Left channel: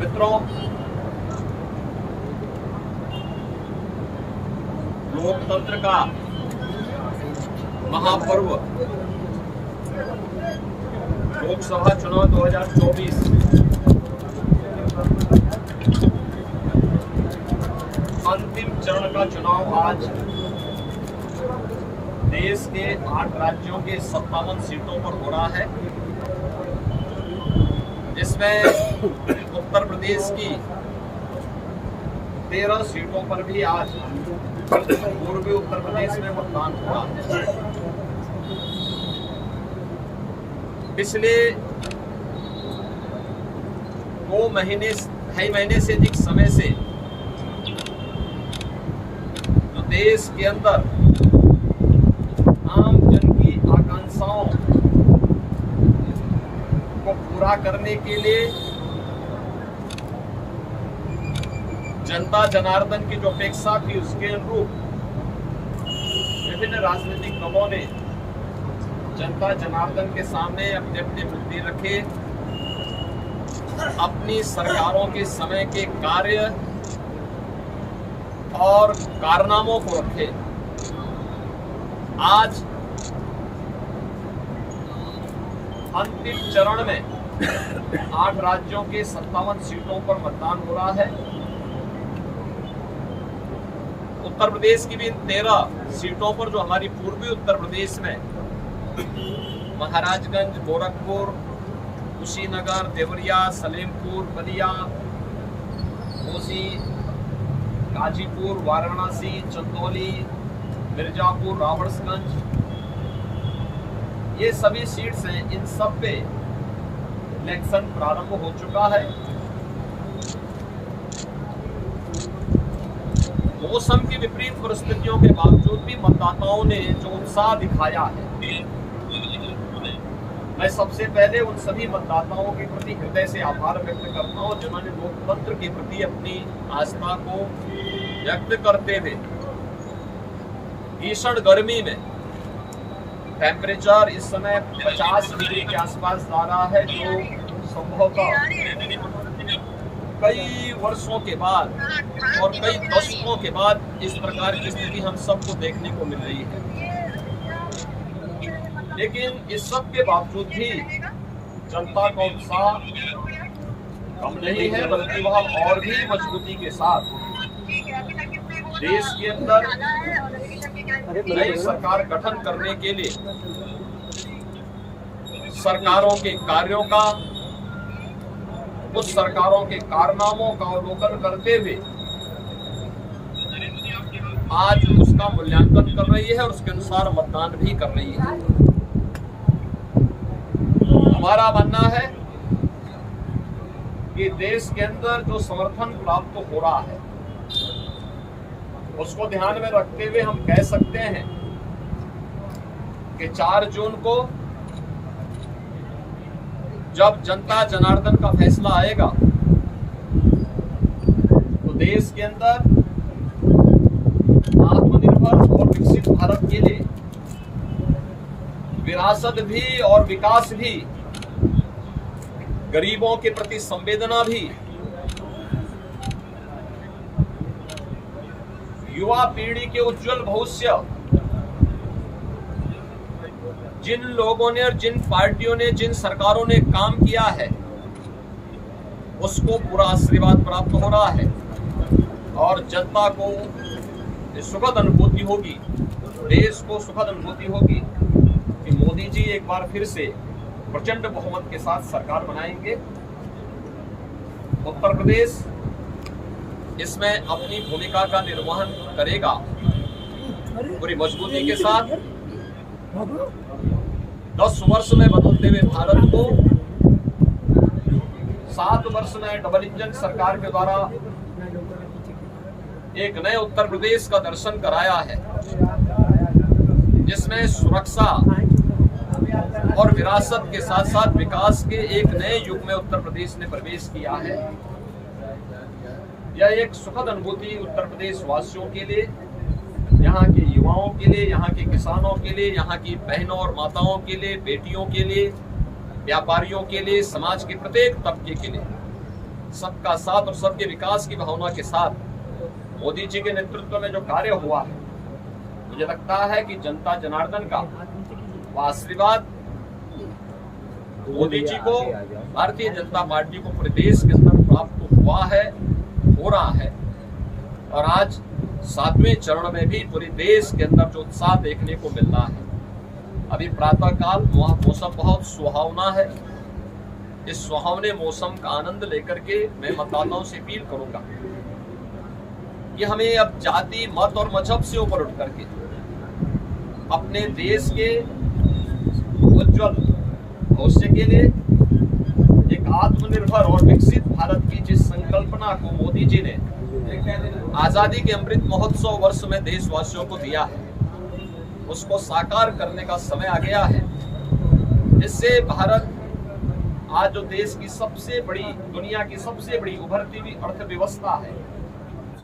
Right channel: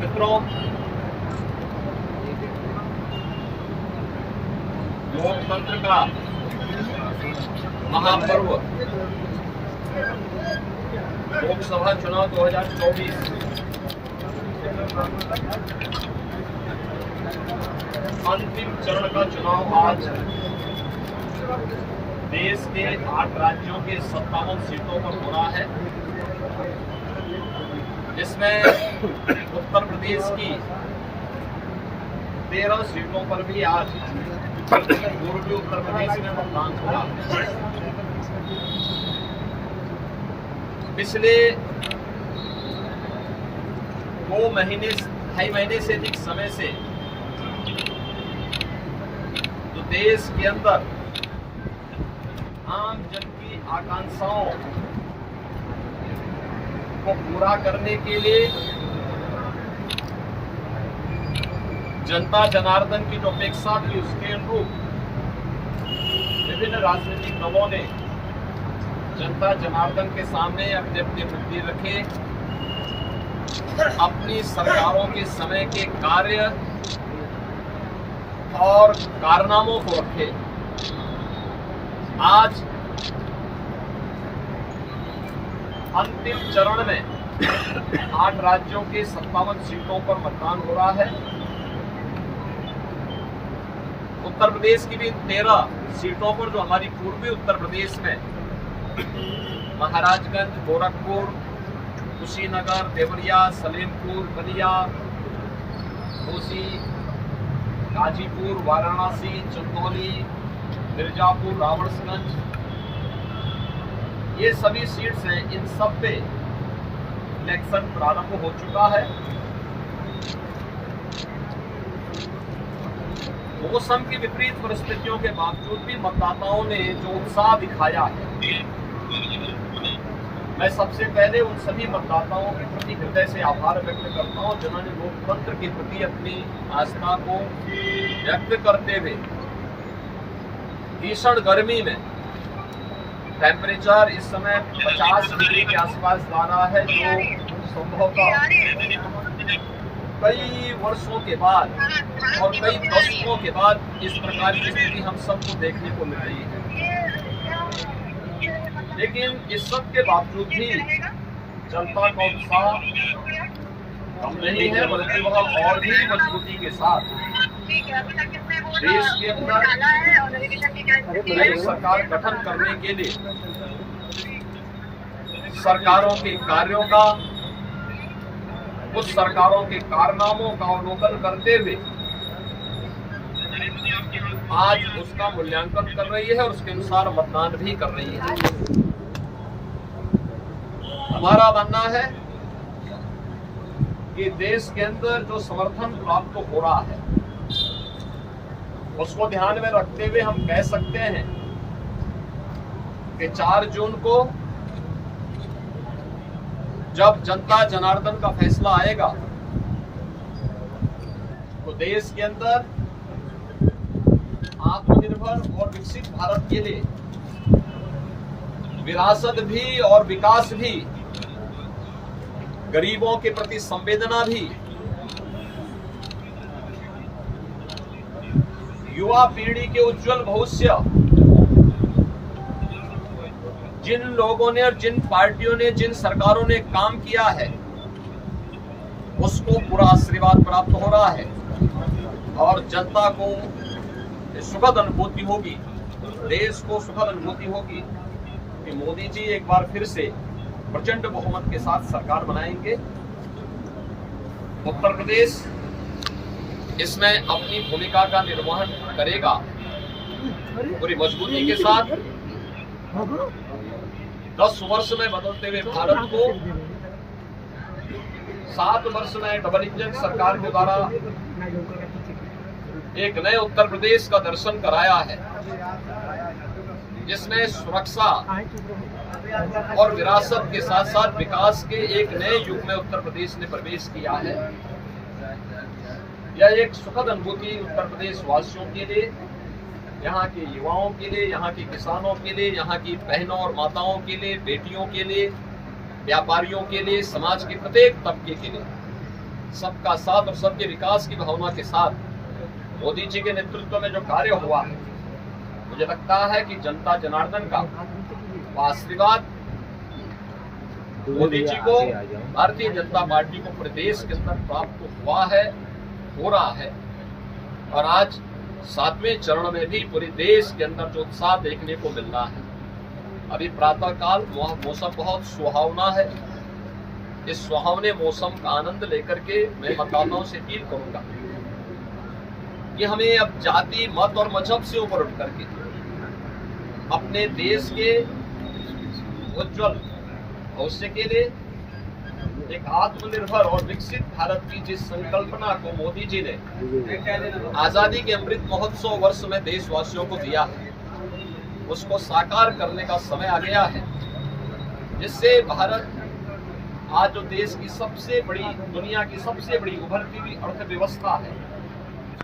मित्रों, लोकतंत्र का महापर्व लोकसभा चुनाव 2024 अंतिम चरण का चुनाव आज देश के 8 राज्यों के 57 सीटों पर हो रहा है, जिसमें उत्तर प्रदेश की 13 सीटों पर भी आज पूर्वी उत्तर प्रदेश में मतदान हो रहा है। पिछले 2.5 महीने से अधिक समय से जो देश के अंदर आम जन की आकांक्षाओं को पूरा करने के लिए जनता जनार्दन की जो अपेक्षा थी उसके अनुरूप विभिन्न राजनीतिक दलों ने जनता जनार्दन के सामने अपने अपने मुद्दे रखे, अपनी सरकारों के समय के कार्य और कारनामों को रखे। आज अंतिम चरण में 8 राज्यों के 57 सीटों पर मतदान हो रहा है। उत्तर प्रदेश की भी 13 सीटों पर, जो हमारी पूर्वी उत्तर प्रदेश में महाराजगंज, गोरखपुर, कुशीनगर, देवरिया, सलेमपुर, बलिया, घोसी, गाजीपुर, वाराणसी, चंदौली, मिर्जापुर, रावड़गंज, ये सभी सीट्स हैं। इन सब पे इलेक्शन प्रारंभ हो चुका है। मौसम की विपरीत परिस्थितियों के बावजूद भी मतदाताओं ने जो उत्साह दिखाया है, मैं सबसे पहले उन सभी मतदाताओं के प्रति हृदय से आभार व्यक्त करता हूं जिन्होंने लोकतंत्र के प्रति अपनी आस्था को व्यक्त करते हुए भीषण गर्मी में, टेम्परेचर इस समय 50 डिग्री के आसपास जा रहा है, जो संभवतः कई वर्षों के बाद और कई दशकों के बाद इस प्रकार की स्थिति हम सबको देखने को मिल रही है। लेकिन इस सब के बावजूद भी जनता का उत्साह कम नहीं है, बल्कि वह और भी मजबूती के साथ देश के अंदर नई सरकार गठन करने के लिए सरकारों के कार्यों का, कुछ सरकारों के कारनामों का अवलोकन करते हुए आज उसका मूल्यांकन कर रही है और उसके अनुसार मतदान भी कर रही है। हमारा मानना है कि देश के अंदर जो समर्थन प्राप्त हो रहा है उसको ध्यान में रखते हुए हम कह सकते हैं कि 4 जून को जब जनता जनार्दन का फैसला आएगा तो देश के अंदर आत्मनिर्भर और विकसित भारत के लिए विरासत भी और विकास भी, गरीबों के प्रति संवेदना भी, युवा पीढ़ी के उज्जवल भविष्य, जिन लोगों ने और जिन पार्टियों ने, जिन सरकारों ने काम किया है उसको पूरा आशीर्वाद प्राप्त हो रहा है और जनता को सुखद अनुभूति होगी, देश को सुखद अनुभूति होगी कि मोदी जी एक बार फिर से प्रचंड बहुमत के साथ सरकार बनाएंगे। उत्तर प्रदेश इसमें अपनी भूमिका का निर्वहन करेगा पूरी मजबूती के साथ। 10 वर्ष में बदलते हुए भारत को 7 वर्ष में डबल इंजन सरकार के द्वारा एक नए उत्तर प्रदेश का दर्शन कराया है, जिसमें सुरक्षा और विरासत के साथ साथ विकास के एक नए युग में उत्तर प्रदेश ने प्रवेश किया है। यह एक सुखद अनुभूति उत्तर प्रदेश वासियों के लिए, यहाँ के युवाओं के लिए, यहाँ के किसानों के लिए, यहाँ की बहनों और माताओं के लिए, बेटियों के लिए, व्यापारियों के लिए, समाज के प्रत्येक तबके के लिए सबका साथ और सबके विकास की भावना के साथ मोदी जी के नेतृत्व में जो कार्य हुआ है, मुझे लगता है कि जनता जनार्दन का आशीर्वाद मोदी जी को, भारतीय जनता पार्टी को पूरे देश के अंदर प्राप्त हुआ है, हो रहा है। और आज 7वें चरण में भी पूरे देश के अंदर जो उत्साह देखने को मिल रहा है। अभी प्रातः काल वहाँ मौसम बहुत सुहावना है। इस सुहावने मौसम का आनंद लेकर के मैं मतदाताओं से अपील करूंगा कि हमें अब जाति, मत और मजहब से ऊपर उठ करके अपने देश के उज्जवल भविष्य के लिए एक आत्मनिर्भर और विकसित भारत की जिस संकल्पना को मोदी जी ने आजादी के अमृत महोत्सव वर्ष में देशवासियों को दिया है, उसको साकार करने का समय आ गया है, जिससे भारत आज जो देश की सबसे बड़ी, दुनिया की सबसे बड़ी उभरती हुई अर्थव्यवस्था है,